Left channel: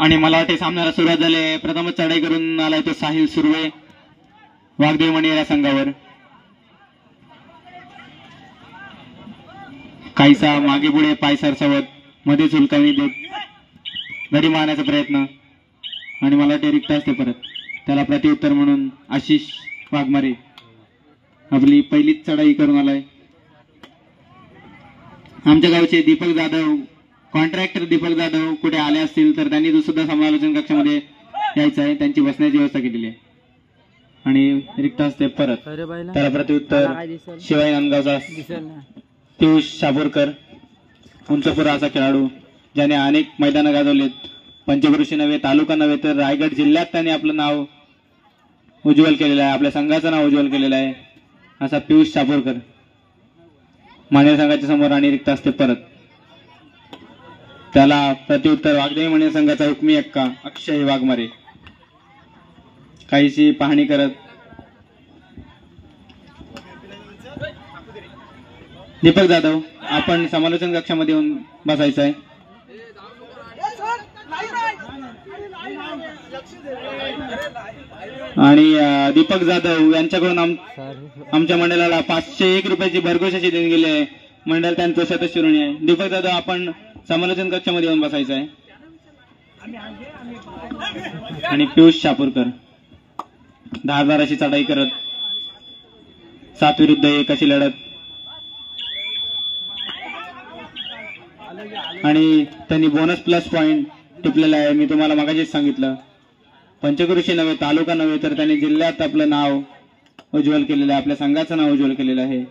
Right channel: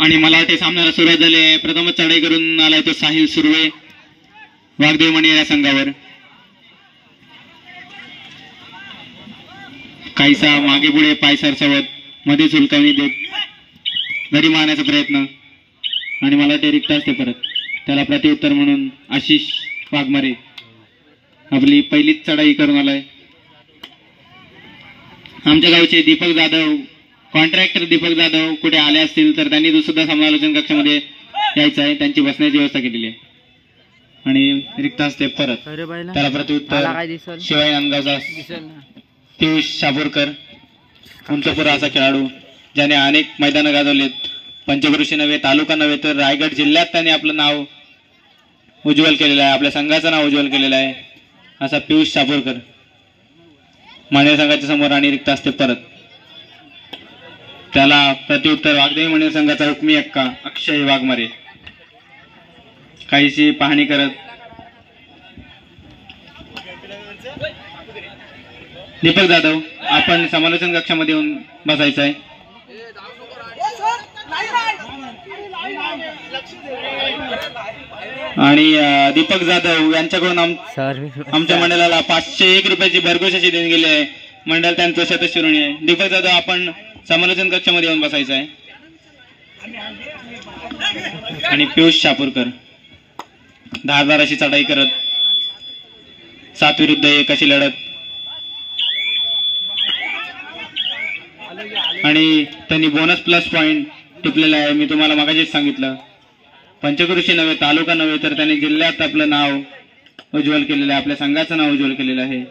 आणि मला वाटते सामन्याला सुरुवात झाली. प्रथमच चढाई करून आलाय तो साहिल सुर्वे वाघदेव मणी या संघावर. काहीसा मागे पुढे पाय सरसवत मध्ये सुलकावणी देत घडी मारण्याचा प्रयत्न आणि मला ते रिक्त असते परत. त्याला प्रत्युत्तर म्हणून आशिष वाघमारे आपली पहिलीच चढाई करून आलाय. आमच्या गावचे दीपक जाधव कॉन्ट्रॅक्टर दीपक जाधव कुठे आले असतील तर त्यांनी सुद्धा समालोचन कक्षामध्ये यायचं आहे. त्यांची बसण्याची व्यवस्था केलेली आहे. आणि रिक्त असते परत. त्याला प्रत्युत्तर शिवाय नांदगावचा पियुष शापूरकर उंचपुरा असा खेळाडू ज्याने अनेक मैदानं गाजवलेत. पंचक्रोशी नव्हे तालुका नव्हे तर रायगड जिल्ह्यात त्याने आपलं नाव उज्ज्वल केलेलं आहे. आपल्या संघाचं नाव उज्ज्वल केलेलं आहे असा पियुष शापूरकर माने संघाच्या समोर. आणि रिक्त असते परत. त्याला प्रत्युत्तर वाघदेवी मणी संघाचा हुकमी एक्का अक्षय वाघमारे काहीशी पाहणी करत. दीपक जाधव आपण समालोचन कक्षामध्ये येऊन बसायचं आहे. आणि दीपक जाधव यांच्याकडून आमच्या मंडळाला 501 रुपयाची भरघोस अशी देऊन गेली आहे. मंडळ त्यांचं सदस्यऋणी आहे. दीपक जाधव आपण समालोचन कक्षामध्ये येऊन बसायचं आहे. आणि पियुष शापूरकर धारदार अशी चढाई करत 7 विरुद्ध 1 अशी लढत. आणि त्यांनी बोनस प्लस पॉइंट टिपलेला आहे. मी तुम्हाला मगाशीच सांगितलं पंचक्रोशी नव्हे तालुका नव्हे तर त्यांनी जिल्ह्यात आपलं नाव उज्ज्वल केलेलं आहे. आपल्या संघाचं नाव उज्ज्वल केलेलं आहे.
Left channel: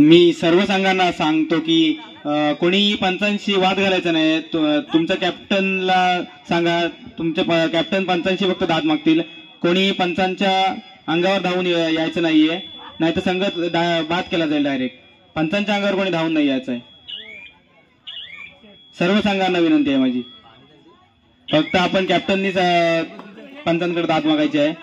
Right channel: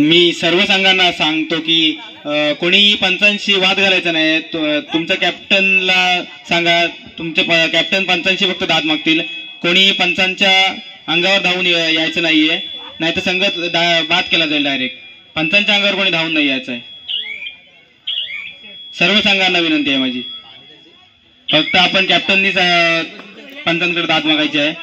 मी सर्व संघांना सांगतो की कोणीही पंचांशी वाद घालायचा नाही. तुमच्या कॅप्टनला सांगा तुमचे कॅप्टन पंचांशी फक्त दाद मागतील. कोणीही पंचांच्या अंगावर धावून यायचं नाहीये नाहीतर संघ बाद केला जाईल. डायरेक्ट पंचांच्या अंगावर कोणी धावून नाही यायचं आहे. सर्व संघांना विनंती आहे माझी. फक्त आपण कॅप्टननीच पंचांकडे दाद मागायची आहे.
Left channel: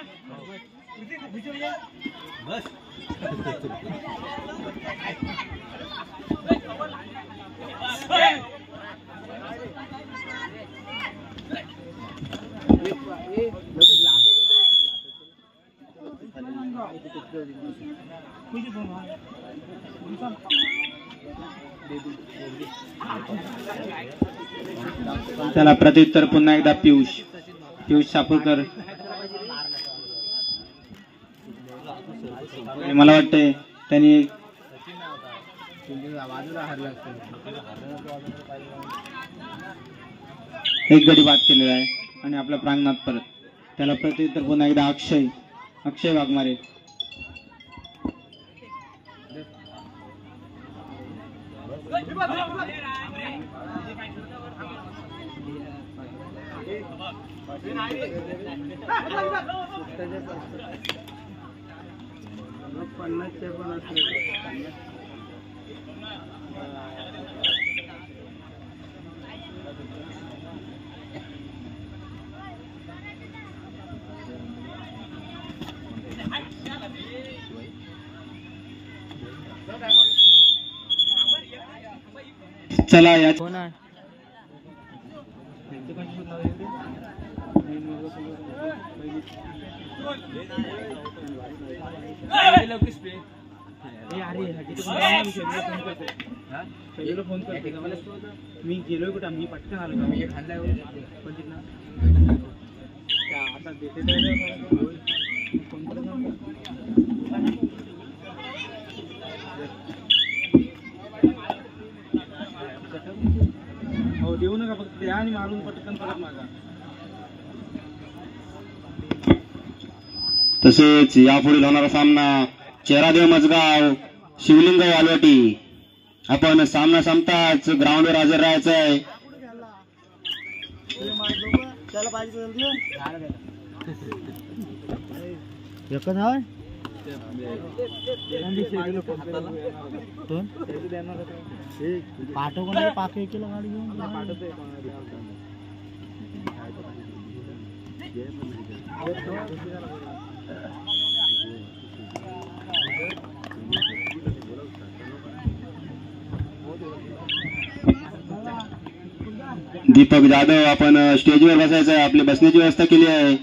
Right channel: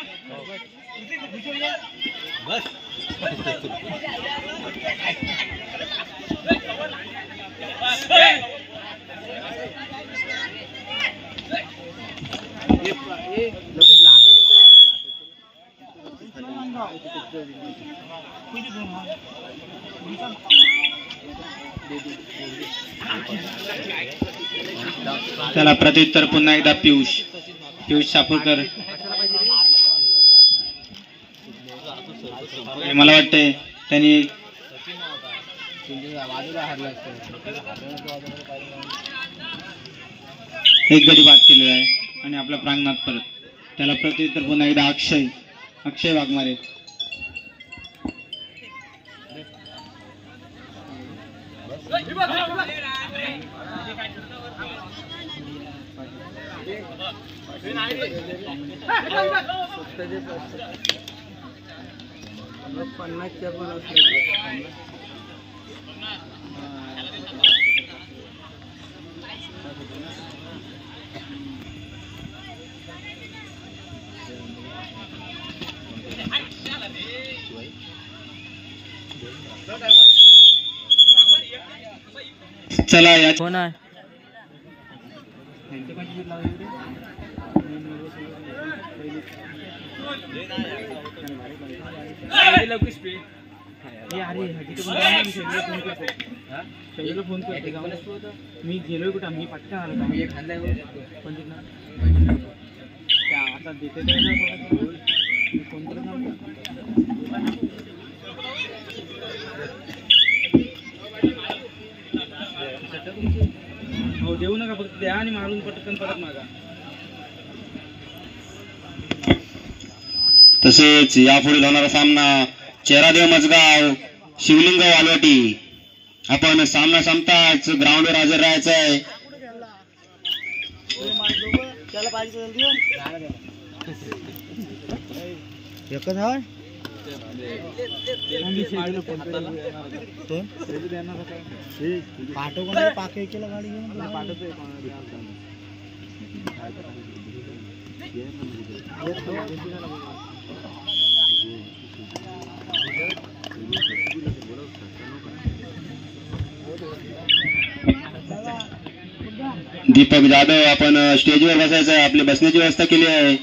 त्याला प्रत्युत्तर पुन्हा एकदा पियुष शापूरकर. मला वाटते त्यांनी एक गडी बाद केलेला आहे आणि आपल्या प्रांगणात परत. त्याला प्रत्युत्तर पुन्हा एकदा अक्षय वाघमारे. चला या कोण आहे मी गेलोय कुठं मी पटकन आलो मी खाल्ला आता देऊ नका फक्त द्या आणि मारून पटकन परत मागा. तसेच यापुढील होणारा सामना चेहरादेव मजगाव शिवलिंग वालवाटी आपण सामना संपताच ग्राउंडवर हजर राहायचं आहे. दीपक जाधव आपण स्टेजवर बसायचं आहे. आपली बसण्याची व्यवस्था केली आहे.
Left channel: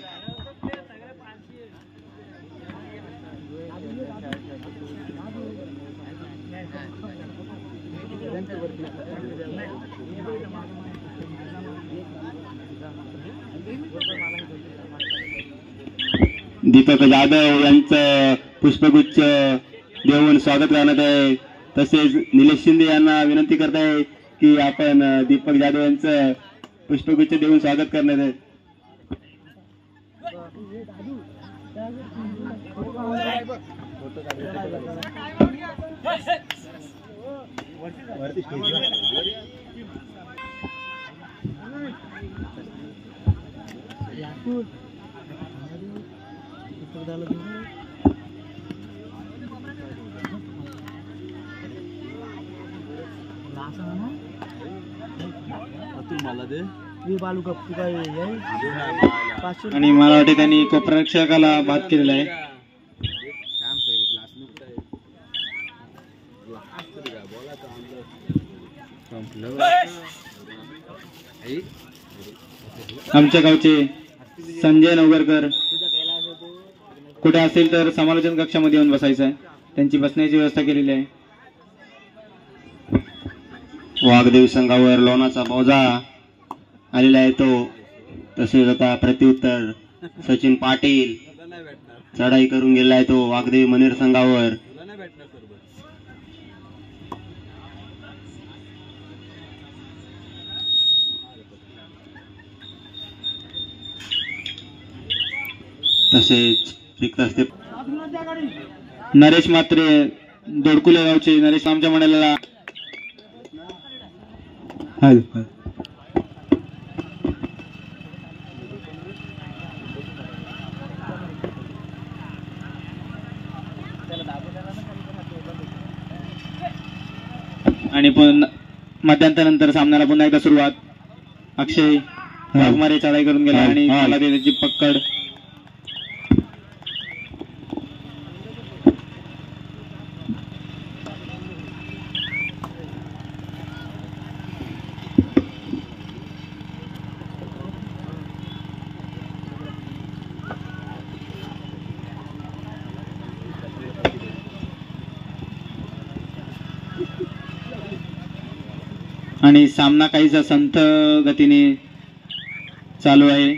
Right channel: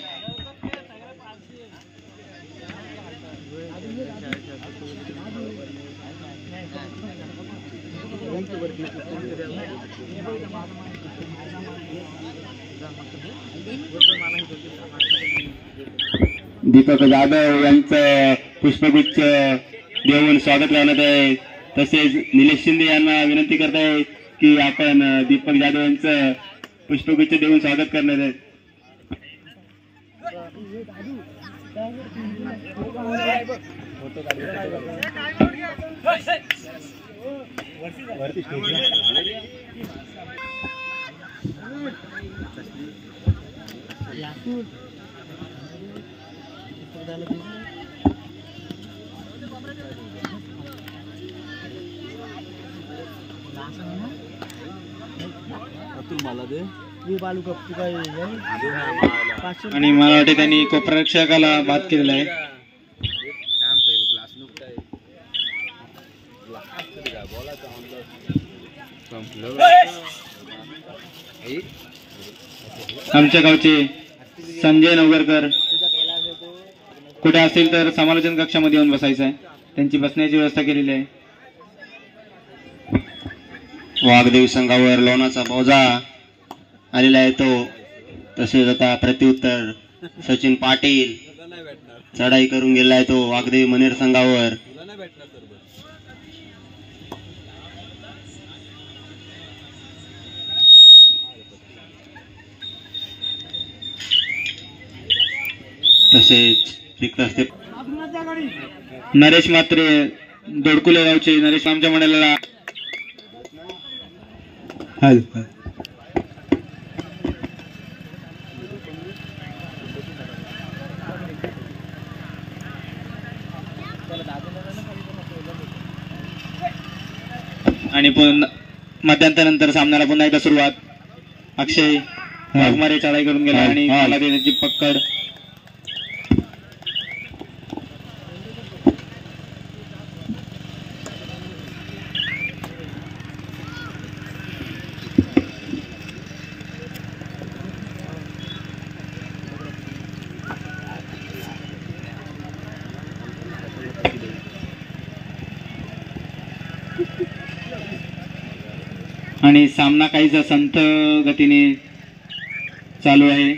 दीपक जाधव यांचं पुष्पगुच्छ देऊन स्वागत करण्यात आहे. तसेच निलेश शिंदे यांना विनंती करत आहे की आपण दीपक जाधव यांचं पुष्पगुच्छ देऊन स्वागत करण्यात आहे. आणि मला वाटते त्यांनी कोपरक्षकाला बाद केलेला आहे. आमच्या गावचे संजय नवगरकर कुठे असेल तर समालोचन कक्षामध्ये येऊन बसायचं आहे. त्यांची बसण्याची व्यवस्था केलेली आहे. वाघदेव संघावर लोणाचा बोजा आलेला आहे तो. तसेच आता प्रत्युत्तर सचिन पाटील चढाई करून गेला आहे तो वाघदेव मनेर संघावर. तसेच नरेश मात्रे दोडकुले गावचे नरेश आमच्या मंडळाला आणि पण मध्यांतरानंतर सामन्याला पुन्हा एकदा सुरुवात. अक्षय वाघमारे चढाई करून गेला आणि त्याला त्याची पकड. आणि सामना काहीसा संथ गतीने चालू आहे.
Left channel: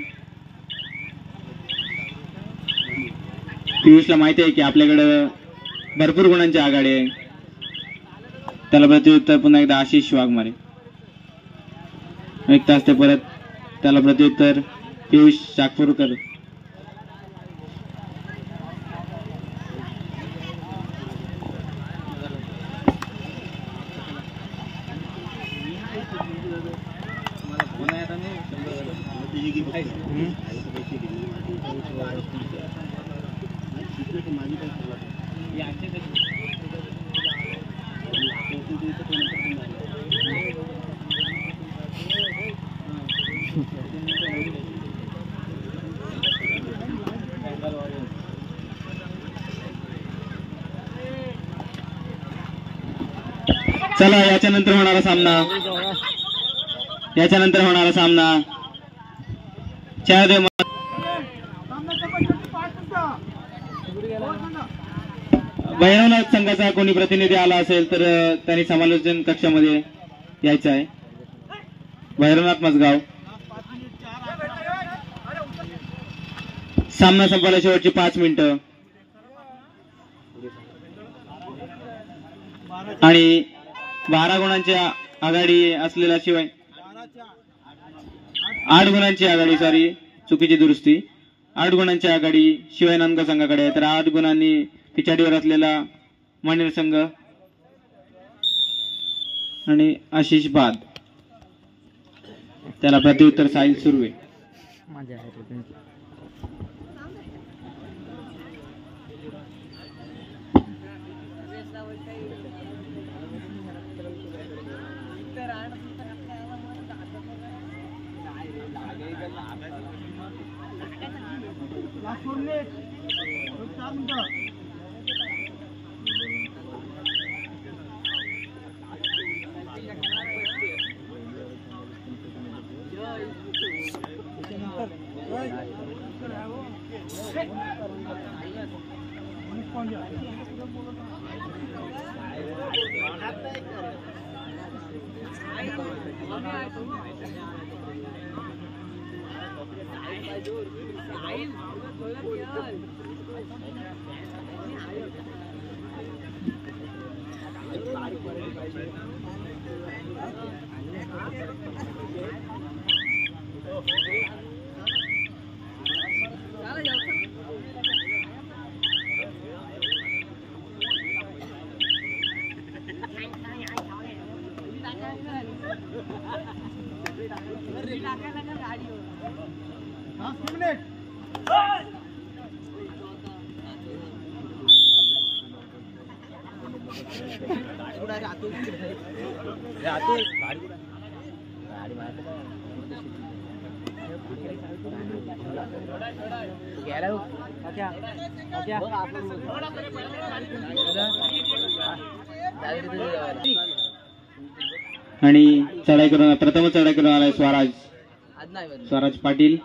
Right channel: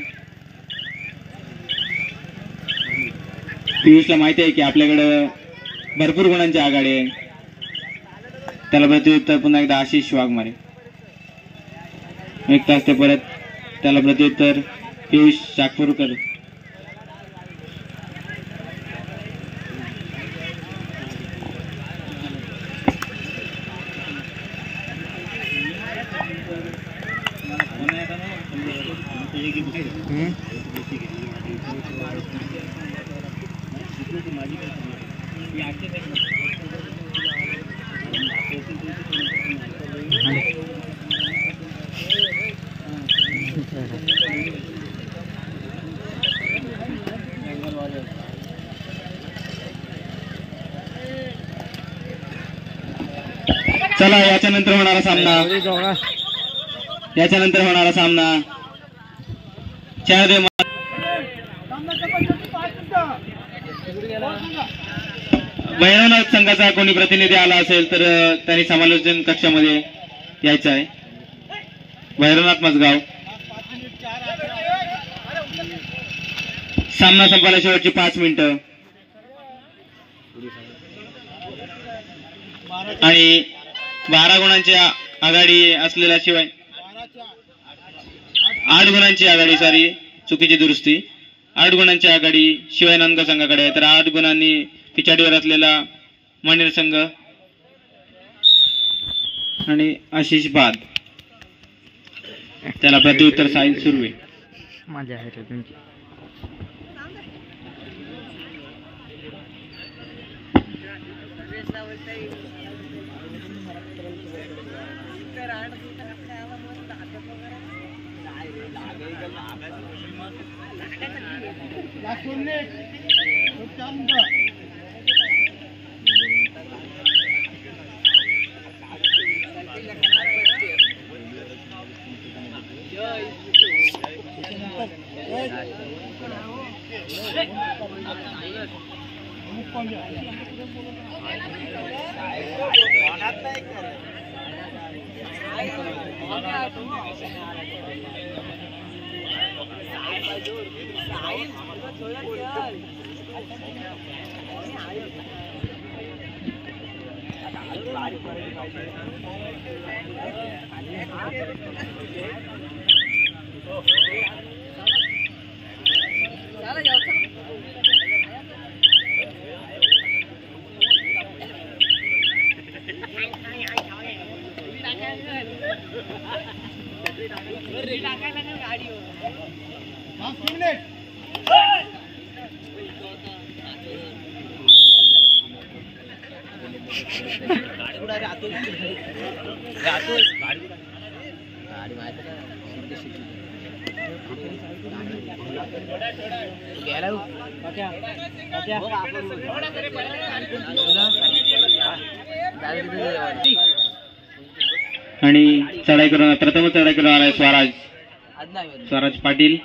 पियुषला माहिती आहे की आपल्याकडं भरपूर गुणांची आघाडी आहे. त्याला प्रत्युत्तर पुन्हा एकदा आशिष वाघमारे. एक तास ते परत त्याला प्रत्युत्तर पियुष शाकपूरकर. चला याच्यानंतर होणारा सामना चहादेव भैरवनाथ संघाचा कोणी प्रतिनिधी आला असेल तर त्यांनी समालोचन कक्षामध्ये यायचं आहे. भैरवनाथ मजगाव. सामना संपायला शेवटची 5 मिनिटं आणि 12 गुणांची आघाडी असलेल्या शिवाय 8 गुणांची आघाडी चुकीची दुरुस्ती. 8 गुणांची आघाडी शिवाय नांदगाव संघाकडे आहे. तर 8 गुणांनी पिछाडीवर असलेला मनेर संघ आणि आशिष बाद. त्याला प्रत्युत्तर साहिल सुर्वे. मजा आहे रे तुमची. आणि चढाई करून प्रथमच चढाई करून आलाय स्वराज पाटील.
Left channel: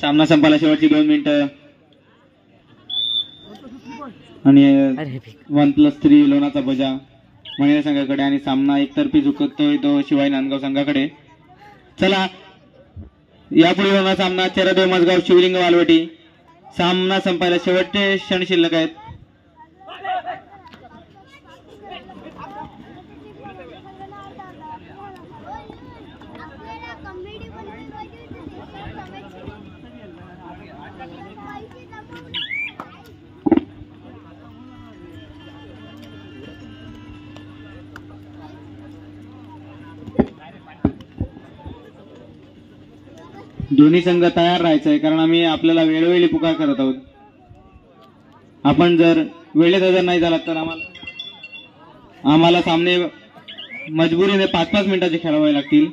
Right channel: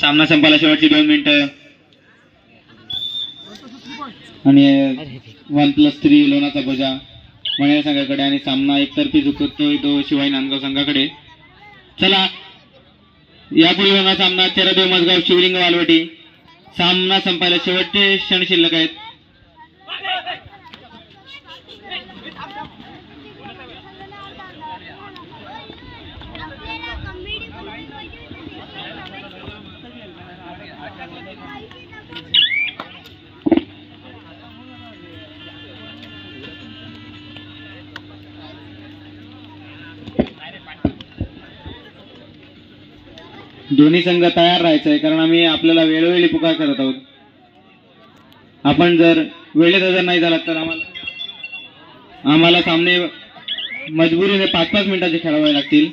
सामना संपायला शेवटची 2 मिनिटं आणि 1+3 लोणाचा बजा महिला संघाकडे आणि सामना एकतर्फी झुकतोय तो शिवाई नांदगाव संघाकडे. चला यापुढे होणार सामना चरदेव मजगाव शिवलिंग वालवटी. सामना संपायला शेवटचे क्षण शिल्लक आहेत. दोन्ही संघ तयार राहायचंय कारण आम्ही आपल्याला वेळोवेळी पुकार करत आहोत. आपण जर वेळेत हजर नाही झालात तर आम्हाला सामने मजबुरीने 5-5 मिनिटाचे खेळावे लागतील.